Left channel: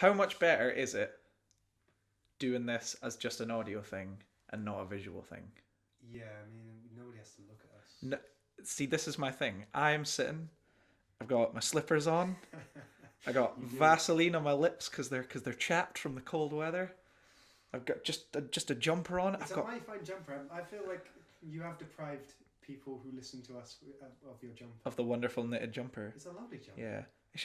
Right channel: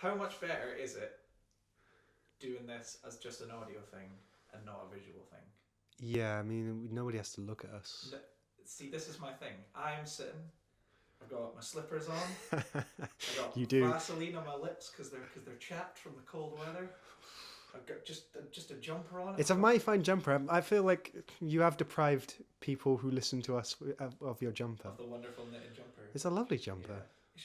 how much better is it doing this as just an audio thing and not a visual thing? Yeah, I mean, nobody has to look at us. No, see, this is my thing. I'm sitting. I've got my slippers on. I got Vaseline on my lips because they're chapped from the cold weather. I've got just a jumper on. It's a mighty fine jumper. I feel like you have deprived people who listen to us of your jumper. Of the wonderful knitted jumper. It's a lovely jumper. Yeah. It's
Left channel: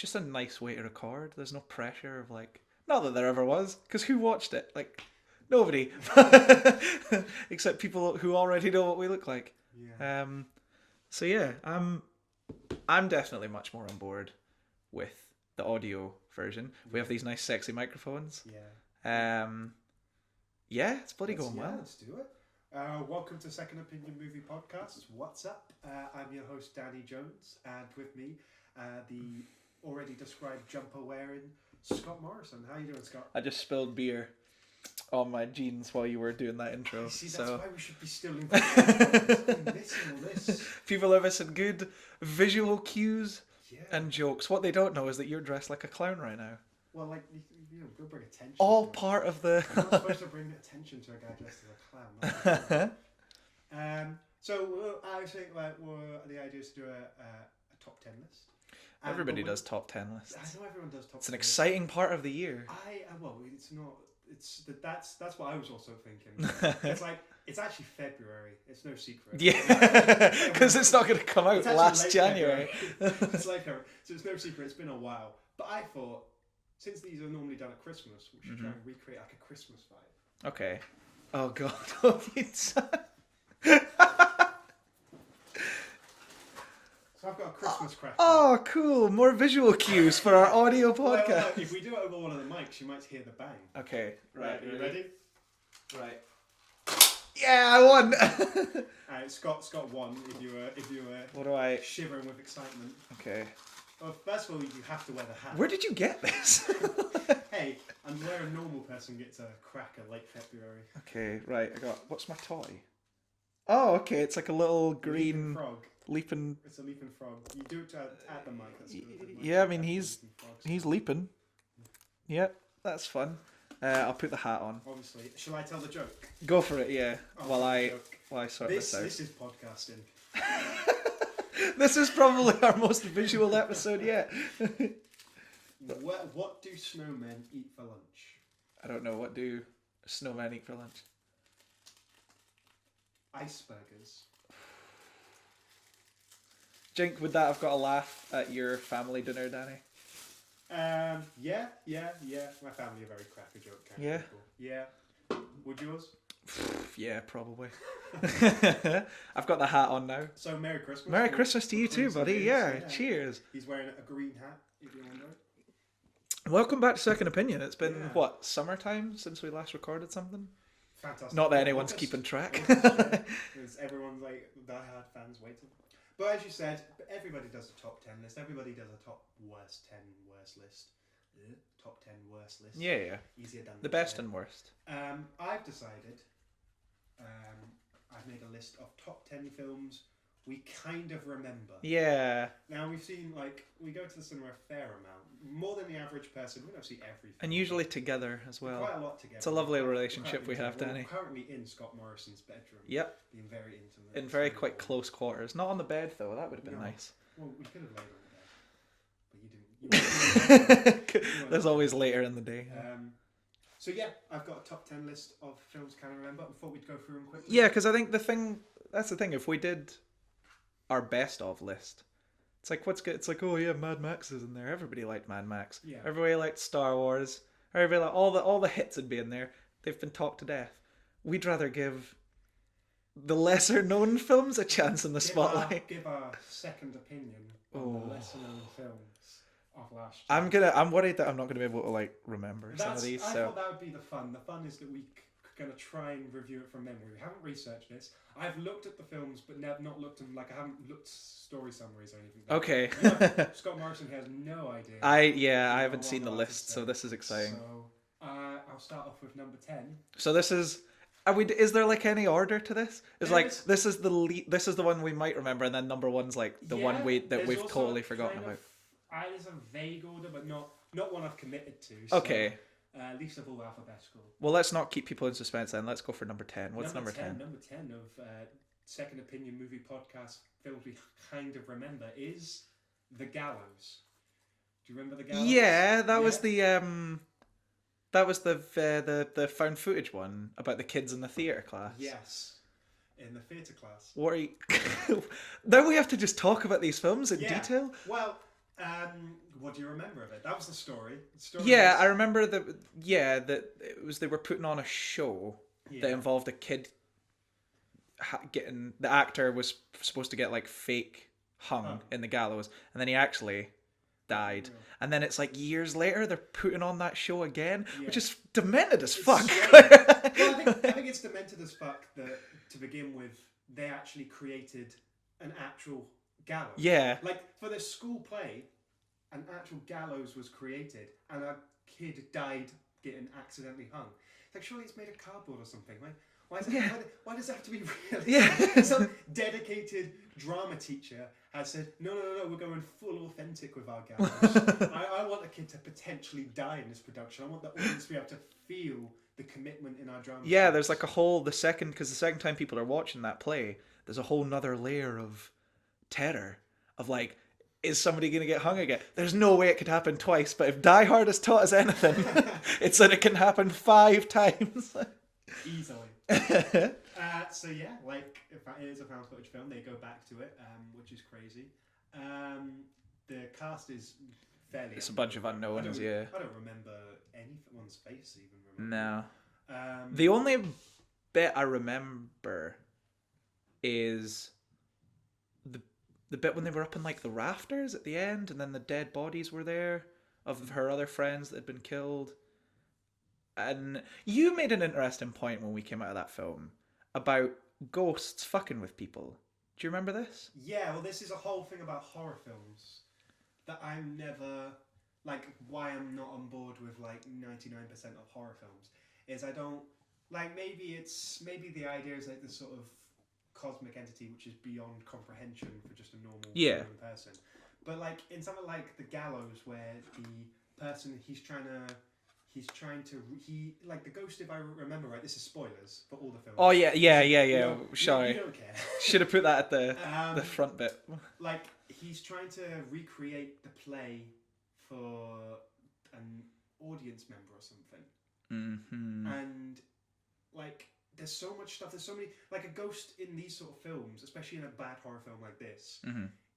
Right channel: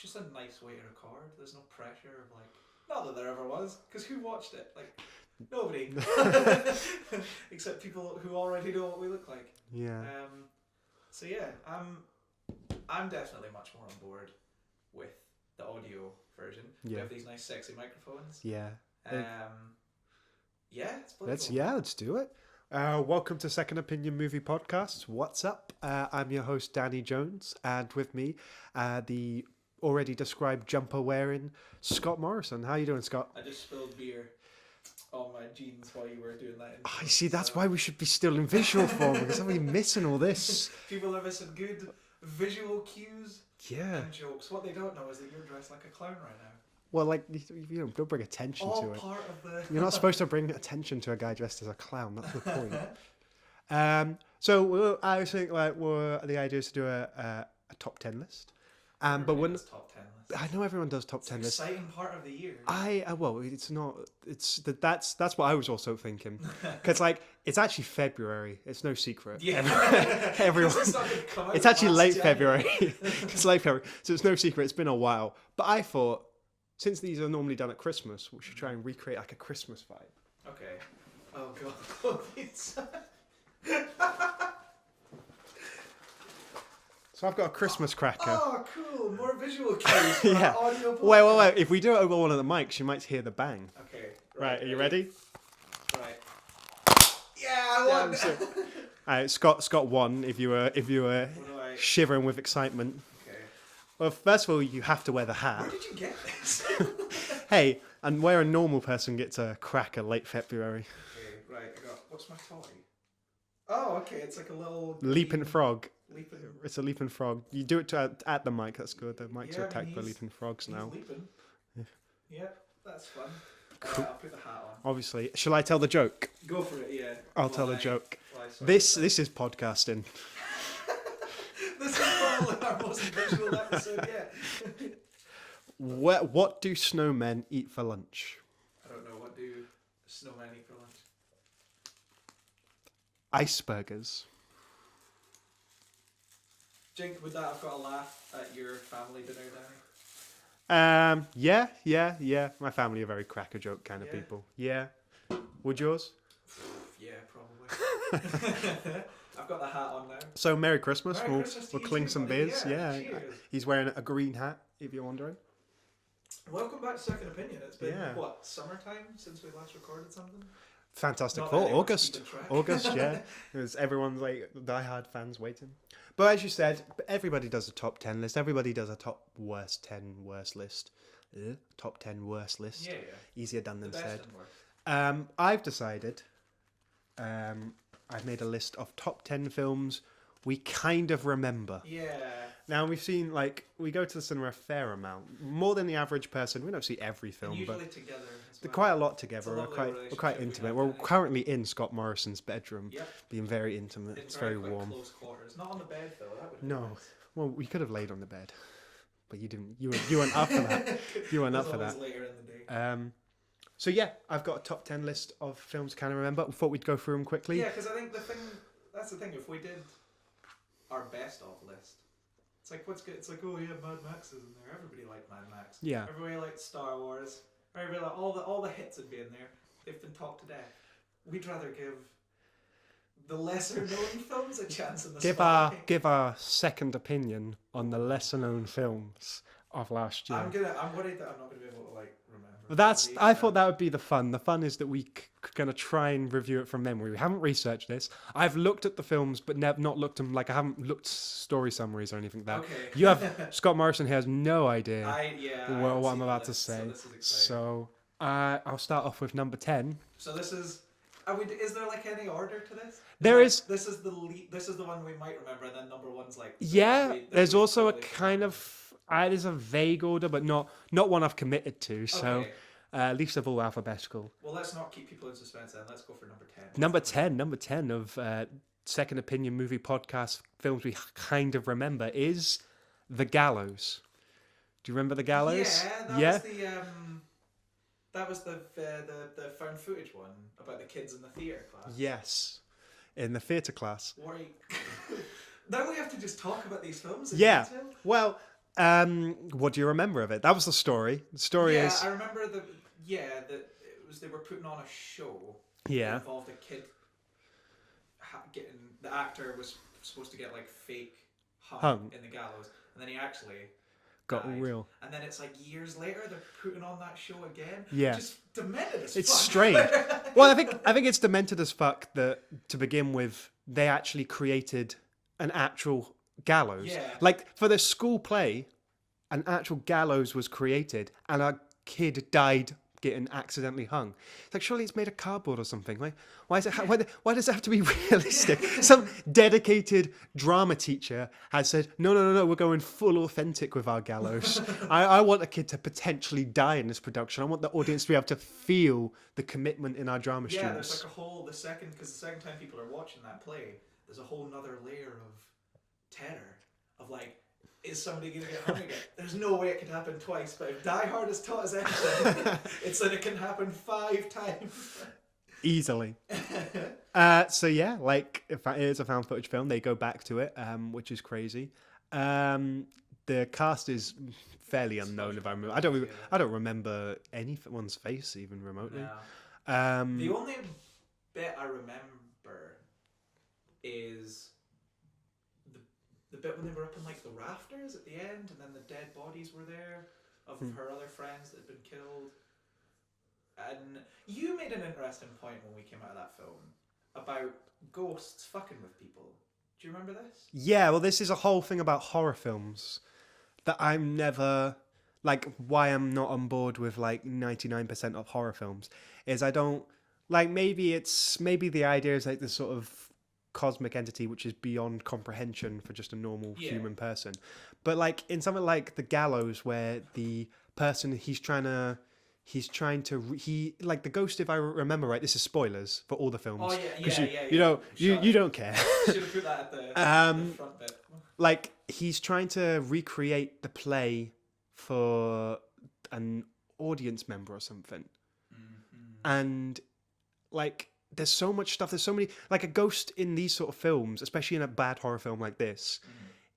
just a nice way to record. There's no pressure of like, not that there ever was, because who watched it? Like, nobody. Except people who already know what we look like. Yeah. So yeah, I'm definitely much more on board with the audio version. Yeah. We have these nice sexy microphones. Yeah. Yeah, it's bloody cool. Yeah, let's do it. Welcome to Second Opinion Movie Podcast. What's up? I'm your host, Danny Jones, and with me, the already described jumper wearing Scott Morrison. How you doing, Scott? I just spilled beer on my jeans while you were doing that intro. See, that's why we should be still in visual form. Because I'm really missing all this. People are missing good visual cues Yeah. and jokes. What they don't know is that you're dressed like a clown right now. Well, like, don't bring attention All to it. part of the... You're not supposed to bring attention to a guy dressed as a clown. That's the point. So I think the idea is to do a top 10 list. Everybody does top 10 lists. I know everyone does top 10 lists. It's an exciting part of the year. It's not. That's what I was also thinking. It's like it's actually February. It's no secret. Yeah, because it's not going to come out. It's actually late January. February. It's late February, so it's no secret. It's been a while, but I thought since these are normally done at Christmas, we should try and recreate like a Christmas vibe. Okay. Oh god. So I've got a Christmas cracker. Oh, cool. More visual cues for our audio podcast. Wait. If we do it over one of the mics, you might hear the bang. Okay. Right. Are you ready? Right. Yeah, I won. Alright, Scott won. If you were shivering with excitement. Okay. Well, first of all, you have to wear the hat. Where did you get this? Hey, and where a normal person gets a cracker late February. Okay, right. What's my toy? Oh, okay. It's like a little green... leaping frog. Leaping. It's a leaping frog. You do it at the mic. That's good. The mic's yeah, I mean he's leaping frogs he's now. leaping. Yeah, that's fun. I'll put the hat on. Obviously, shall I tell the joke? Go for it. Yeah. I'll tell the joke. This is podcasting. This is probably our most visual episode yet. What do snowmen eat for lunch? I don't know. What do snowmen eat for lunch? Iceburgers. Jink, with that, I've got a laugh at your family dinner, Danny. Yeah. My family are very cracker joke kind of people. Yeah. Would yours? Yeah, probably. I've got the hat on now. So Merry Christmas. Merry Christmas to you too, buddy. Yeah. Cheers. He's wearing a green hat, if you're wondering. Welcome back to Second Opinion. It's been, summertime since we last recorded something? Fantastic. Not that anyone's keeping track. August, yeah. Because everyone's like diehard fans waiting. But as you said, everybody does a top 10 list. Everybody does a top 10 worst list. Top 10 worst list. Yeah. Easier done than the best said. and worst. I've decided. I've made a list of top 10 films we kind of remember. Yeah. Now we've seen we go to the cinema a fair amount, more than the average person. We don't see every film, and usually together as well. Quite a lot together. It's a lovely relationship we have. We're currently in Scott Morrison's bedroom. Yep. Being very intimate. In very quite close quarters. Not on the bed though. That would have been nice. Well, we could have laid on the bed, but you didn't. You weren't up for that. You weren't. There's always later in the day. So yeah, I've got a top 10 list of films I kind of remember. We thought we'd go through them quickly. Yeah, because I think that's the thing. If we did our best of list, it's like what's good. It's like, oh yeah, Mad Max is in there. Everybody liked Mad Max. Yeah. Everybody liked Star Wars. Everybody liked, all the hits would be in there. They've been talked to death. We'd rather give the lesser known films a chance in the spotlight. Give our second opinion on the lesser known films of last year. I'm worried that I'm not gonna be able to remember. I thought that would be the fun. The fun is that we gonna try and review it from memory. We haven't researched this. I've looked at the films, but not looked them. I haven't looked story summaries or anything. Okay. You have Scott Morrison here has no idea. I haven't seen the list, so this is exciting. So I'll start off with number 10. So this is. Is there any order to this? This is the one we might remember, and then number one's the one there's also totally a kind of. It is a vague order, but not one I've committed to. So, Okay. least of all alphabetical. Well, let's not keep people in suspense then. Let's go for number 10. What's Number 10 of Second Opinion Movie Podcast films we kind of remember is The Gallows. Do you remember The Gallows? Yeah, that was the found footage one about the kids in the theatre class. Yes. In the theatre class. What are you... Now we have to just talk about these films in detail? Well, what do you remember of it? That was the story. The story Yeah, is... I remember that it was they were putting on a show that involved a kid getting... The actor was supposed to get like fake hung in the gallows, and then he actually died. Real. And then it's like years later they're putting on that show again, Yeah. which is demented as It's fuck. strange. Well, I think it's demented as fuck that to begin with they actually created an actual gallows. Yeah. Like for the school play, an actual gallows was created and a kid died getting accidentally hung. It's like surely it's made of cardboard or something. Like why is it? Why does it have to be realistic? Some dedicated drama teacher has said, no, we're going full authentic with our gallows. I want a kid to potentially die in this production. I want the audience to be able to feel the commitment in our drama. Yeah, students. there's like a whole the second time people are watching that play, there's a whole nother layer of terror of like, is somebody going to get hung again? There's no way it could happen twice, but if Die Hard has taught us anything, it's that it can happen 5 times. Easily. So yeah, like if it is a found footage film, they go back to it, which is crazy. The cast is fairly It's a unknown. bunch of if I remember. unknowns, I don't remember anyone's face even remotely. No. The only bit I remember is the bit when they were up in like the rafters at the end, and then the dead bodies were there of her other friends that had been killed. And you made an interesting point when we came out of that film about ghosts fucking with people. Do you remember this? Yeah, well, this is a whole thing about horror films that I'm never like. Why I'm not on board with like 99% of horror films is I don't like. Maybe the idea is like this sort of cosmic entity which is beyond comprehension for just a normal human person. But like in something like The Gallows, where the person he's trying to like the ghost, if I remember right, this is spoilers for all the films. Oh yeah. You don't care. Should have put that at the front bit. Like he's trying to recreate the play for an audience member or something, and like there's so much stuff. There's so many, like a ghost in these sort of films, especially in a bad horror film like this.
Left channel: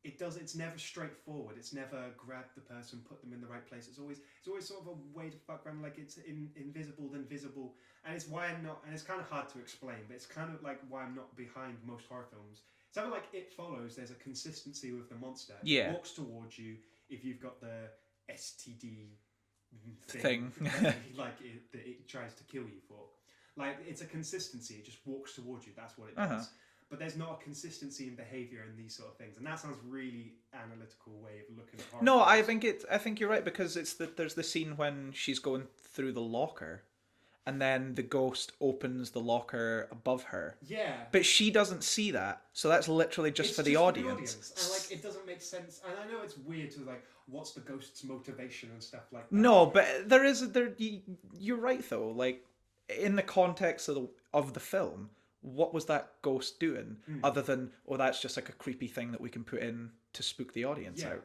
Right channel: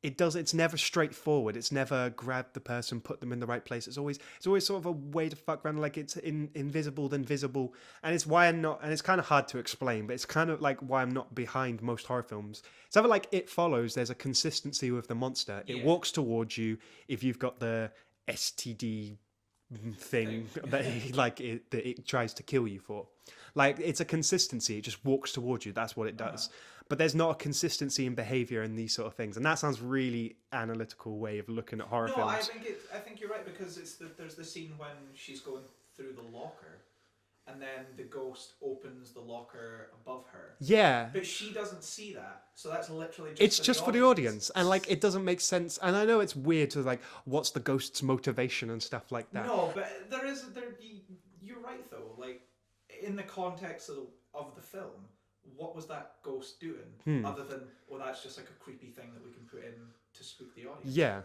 It's never straightforward. It's never grab the person, put them in the right place. It's always sort of a way to fuck around, like it's invisible then visible. And it's why I'm not, and it's kind of hard to explain, but it's kind of like why I'm not behind most horror films. It's either like It Follows, there's a consistency with the monster. Yeah. It walks towards you if you've got the STD thing. that it tries to kill you for. Like it's a consistency. It just walks towards you. That's what it does. But there's not a consistency in behavior in these sort of things, and that sounds really analytical way of looking at horror. No, films. I think you're right, because there's the scene when she's going through the locker, and then the ghost opens the locker above her. Yeah, But she doesn't see that, so that's literally just it's for just the for audience. the audience, and like it doesn't make sense. And I know it's weird to like, what's the ghost's motivation and stuff like that. No, but you're right though. Like in the context of the film, what was that ghost doing other than, that's just like a creepy thing that we can put in to spook the audience? Yeah. out.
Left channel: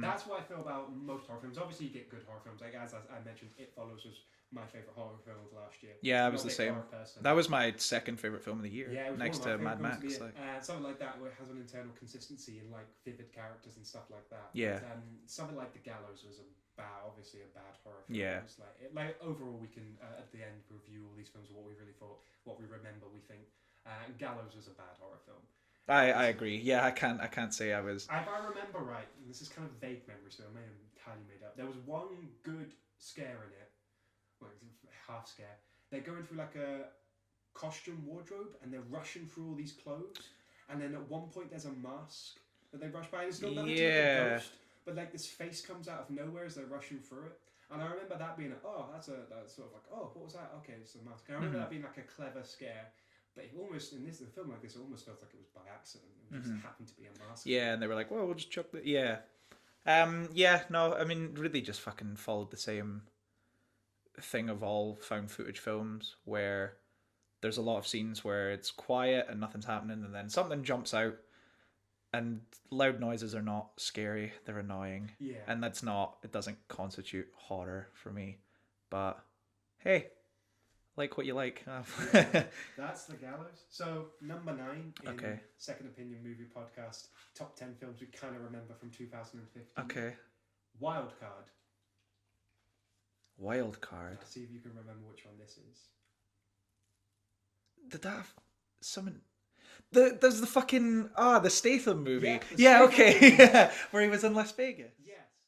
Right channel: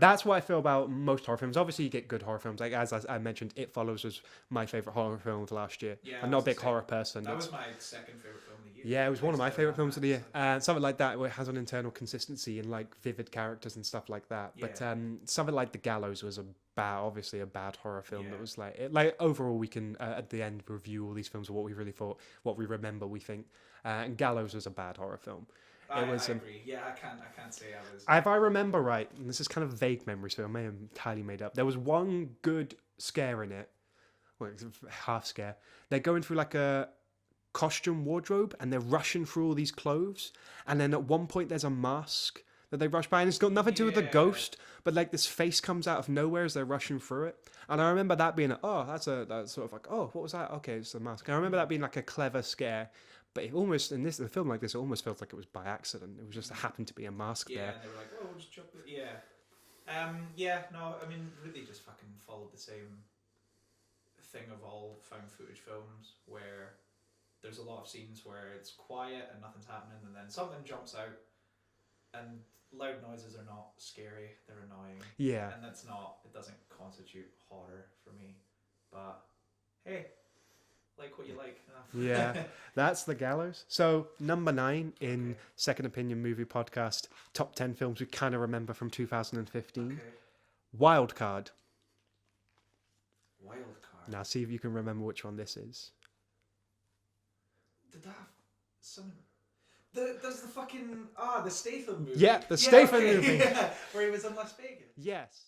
That's what I feel about most horror films. Obviously, you get good horror films. Like as I mentioned, It Follows was my favorite horror film of last year. Yeah, I'm it not was a the big same. horror person. That was my second favorite film of the year. Yeah, it was one of next my to favorite Mad films of the year. Max, Something like that where it has an internal consistency and like vivid characters and stuff like that. Yeah. But something like The Gallows was obviously a bad horror film. Yeah. It was like overall we can at the end review all these films of what we really thought, what we remember, we think. And Gallows was a bad horror film. I agree. Yeah, I can't say I was. If I remember right, and this is kind of vague memory, so I may have entirely made up. There was one good scare in it. Well, it's a half scare. They're going through like a costume wardrobe, and they're rushing through all these clothes. And then at one point, there's a mask that they rush by, and it's got nothing to do with the Yeah. ghost, but like this face comes out of nowhere as they're rushing through it. And I remember that being, that's sort of like, what was that? Okay, it's a mask. And I remember that being like a clever scare. But it almost, in a film like this, it almost felt like it was by accident. It was just happened to be a mask. Yeah, there. and they were like, "Well, we'll just chuck it." Yeah. Yeah, no, I mean, really just fucking followed the same thing of all found footage films where there's a lot of scenes where it's quiet and nothing's happening, and then something jumps out, and loud noises are not scary, they're annoying. Yeah. And it doesn't constitute horror for me. But hey, like what you like. Yeah, that's The Gallows. So number 9 in Okay. Second Opinion Movie Podcast, top 10 films we kind of remember from 2015. Okay. Wild Card. Wild Card. Now see if you can remember which one this is. Did that have someone? There's the fucking the Statham movie. Yeah, the yeah, Statham okay. movie. Yeah, where he was in Las Vegas. Yes.